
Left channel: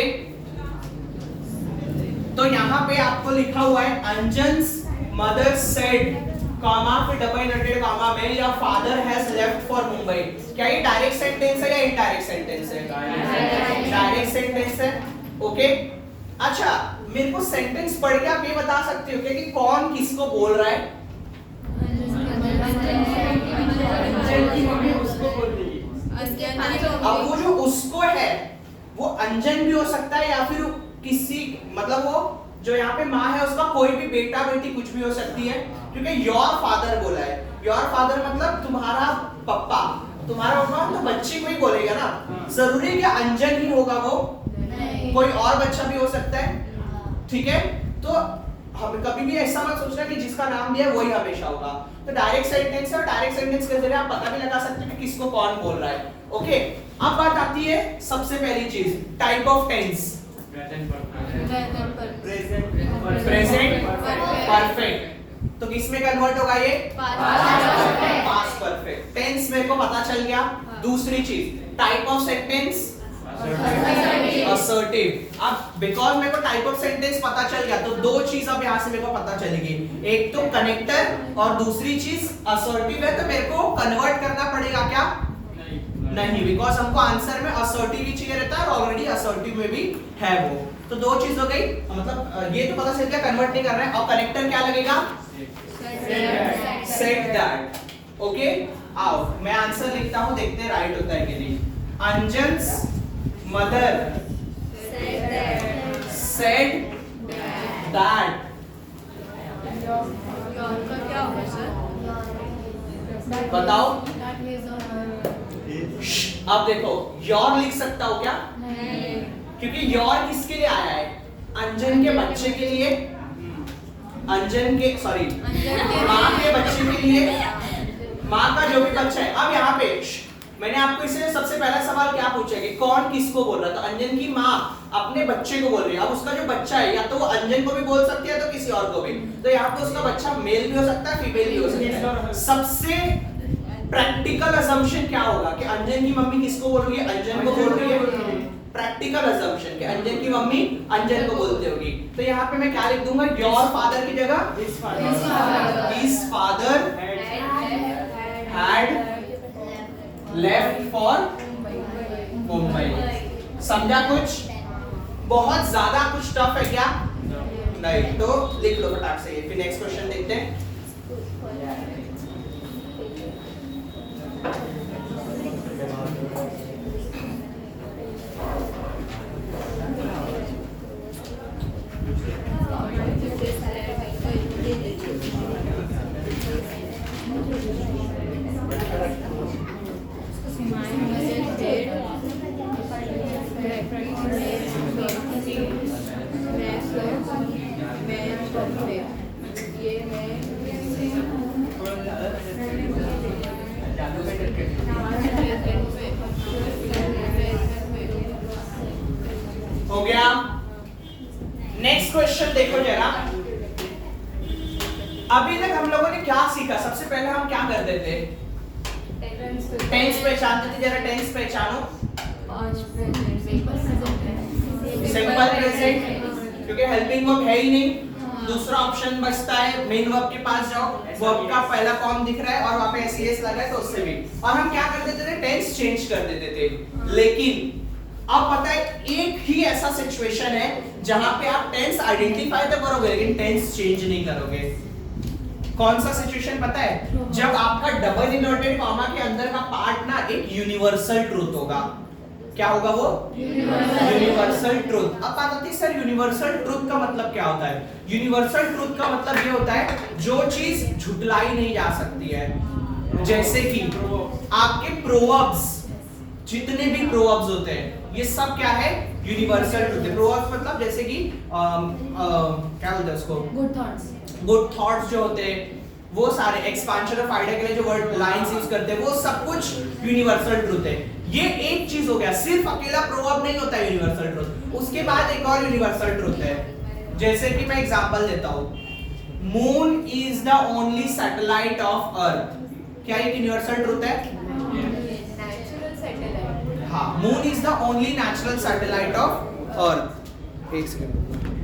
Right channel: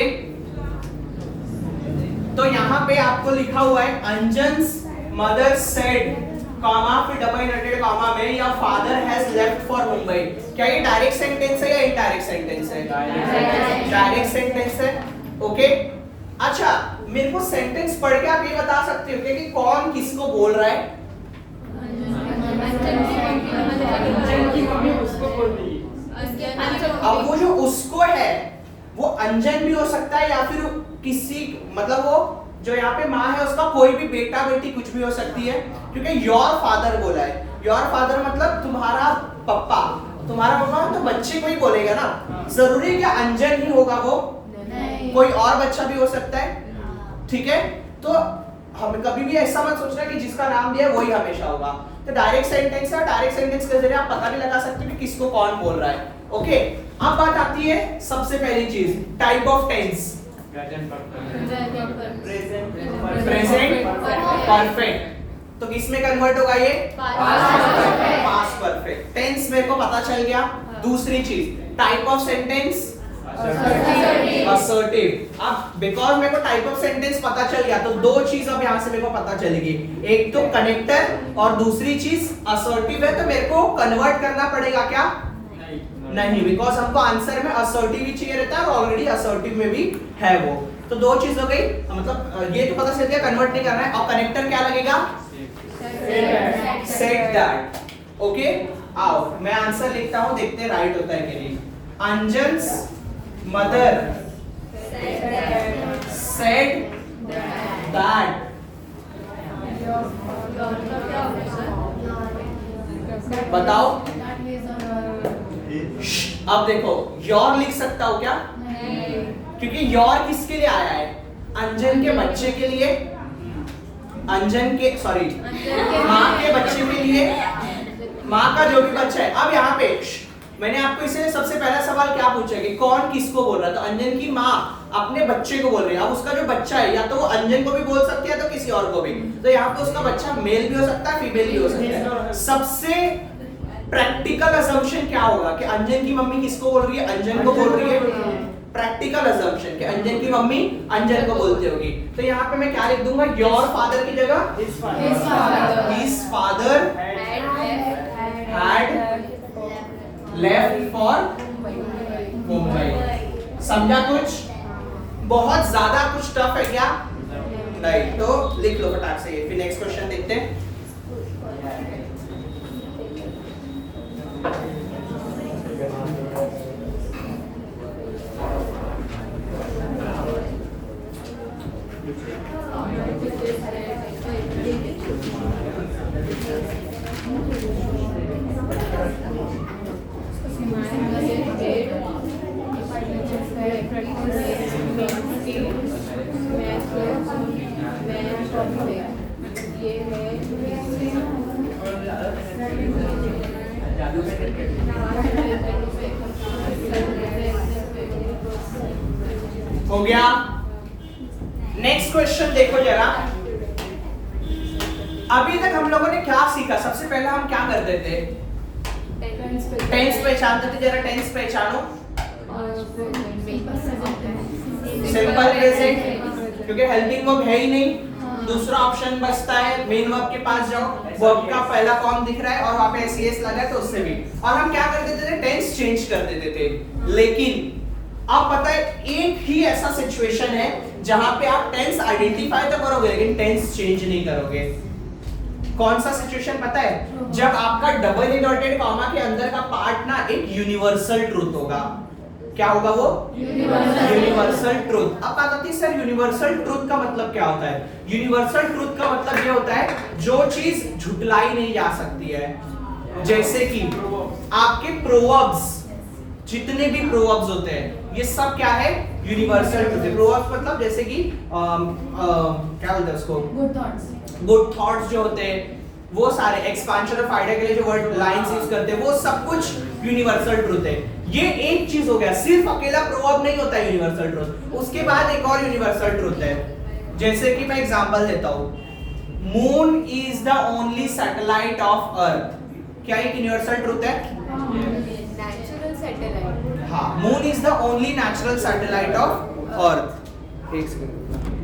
तो यहाँ पे आपको लिखा हुआ है अंजन्स मदर सेड कॉमा फिर डबल इनवर्टेड कॉमा में या father has left for Mumbai. क्या ये डायरेक्ट सेंटेंस है या इनडायरेक्ट सेंटेंस है? डायरेक्ट सेंटेंस है। ओके अच्छा मेरे को सेंटेंस पढ़ के आप ये बता सकते हो क्या कि कौन किसको बोल रहा है? अब वो जो उसको है वो अंजन भी हो सकता है या फिर किसी मतलब वो जो यहाँ पे माँ है उसका कोई भी बेटा बेटी कुछ भी हो सकती है, क्योंकि योर फादर बोला है। योर फादर मतलब तुम्हारा पप्पा, तुम्हारा पप्पा तो बच्चे को ही बोलेगा ना, जरूरी क्या अंजन ही होगा वो? कोई और बच्चा भी हो सकता है। ठीक है तो हम कभी भी ऐसा मत सोचना कि जिसका नाम दिया है वही हमेशा होगा। तो डायरेक्ट सेंटेंस है, डायरेक्ट सेंटेंस के जरिए आप पता भी लगा सकते हो कि किसको कौन बोल रहा है। ओके अब बात आती है सबसे पहली चीज type of tense. Present perfect तो किस में कन्वर्ट होगा ये? Past perfect. टेंस मेरे को पता चल गया। दूसरी चीज टाइप ऑफ सेंटेंस असर्टिव। अब बिकॉज मेरे को टाइप ऑफ सेंटेंस पता चल गया तो दो चीज अब यहाँ से मेरे को पता चलेगी, एक तो कनेक्टर और दूसरी चीज असर्टिव है। तो मेरे को कन्वर्ट करना पड़ेगा क्या? नहीं बिकॉज हमको आंसर में असर्टिव ही चाहिए रहता है और ऑलरेडी असर्टिव में भी है वो। तो दो चीज हो गई, मतलब ये तो पता चल गया कन्वर्ट नहीं करना है। और कनेक्टर क्या लगेगा? Set that. ओके आओ मैं आंसर लिखता हूं, देखते हैं राइट होता है कि नहीं। अंजन्स मदर सेड दैट। बताओ अब देखो योर लिख सकता हो क्या? क्योंकि योर किसके लिए आया है? अंजन के बच्चे के लिए, अंजन के सॉरी माँ के बच्चे के लिए, माँ का जो भी बच्चा है। अब यहाँ पे मैंने आपको इसे सबसे पहला सवाल क्या पूछा है कि कौन किसको बोल रहा है? तो अंजन की माँ अपने बच्चे को बोल रही है। अब उसका जो बच्चा है या तो वो अंजन को भी बोल सकती है तो किसी और को भी। तो यहाँ पे उसका बच्चा मेल भी हो सकता है फीमेल भी हो सकता है। सबसे प्रैक्टिकल असम्पशन क्या होगा कि अंजन की मम्मी किसको बोल रही है? अंजन को बोल रही है। प्रैक्टिकल असम्पशन कि अंजन की मम्मी अंजन को बोलती होगी। तो यहाँ पे मैं क्या लिख दूंगा? योर फादर की जगह his father had left for Mumbai. समझा कुछ? बहुत ज्यादा कुछ टफ है क्या? नहीं तो लिख लो फटाक से। फिर नेक्स्ट क्वेश्चन देखते हैं। हो गया। नेक्स्ट क्वेश्चन देखो जरा। अभी तक हम लोगों ने क्या सीखा? सबसे पहले हम क्या करते थे? टेंस पहचानते थे। जरा टेंस पहचानो। सिंपल प्रेजेंट क्योंकि हेल्पिंग वर्ब है ही नहीं। दूसरा ऑप्शन बचता है मेन वर्ब के पास जाओ, वर्ब का पहला फॉर्म दिख रहा है और वहां पे एस लगा है तो उससे भी। और हम क्या कर देते थे? टेंस चेंज कर देते थे। लेकिन अब पता है एक ही ऐसा सिचुएशन है जहां पे आप टेंस आइडेंटिफाई तो करोगे लेकिन टेंस चेंज नहीं करोगे। कौन सा सिचुएशन पता है? जब आपका डबल इनवर्टेड कॉमा के अंदर का पार्ट ना एक यूनिवर्सल ट्रूथ होगा। क्या होगा वो? Universal. Universal truth. अब बात आती है सर यूनिवर्सल ट्रूथ का मतलब क्या होता है? यूनिवर्सल ट्रूथ का मतलब ये होता है जो चीज झुटलाई नहीं जा सकती है, जैसे कि आपके प्रोवर्ब्स, जितने भी प्रोवर्ब्स होते हैं ये सब क्या है? यूनिवर्सल ट्रूथ है। प्रोवर्ब्स मतलब जैसे कि क्या बोलते हैं उसको? Good thoughts. गुड थॉट्स जो होते हैं वो सारे, एक्सपांशन ऑफ आइडिया के लिए जो वर्ड लाइंस यूज करते हैं वो सब कुछ यूनिवर्सल ट्रूथ है। ये एक चीज हो गया, सिर्फ अकेला प्रोवर्ब नहीं होता है यूनिवर्सल ट्रूथ। उसके बाद एक और यूनिवर्सल ट्रूथ है, जैसे कि मैं एग्जांपल देता हूं, moon is the only satellite of earth. क्या एक यूनिवर्सल ट्रूथ है? Natural satellite. हाँ, moon is the only natural satellite of earth. एक सेकंड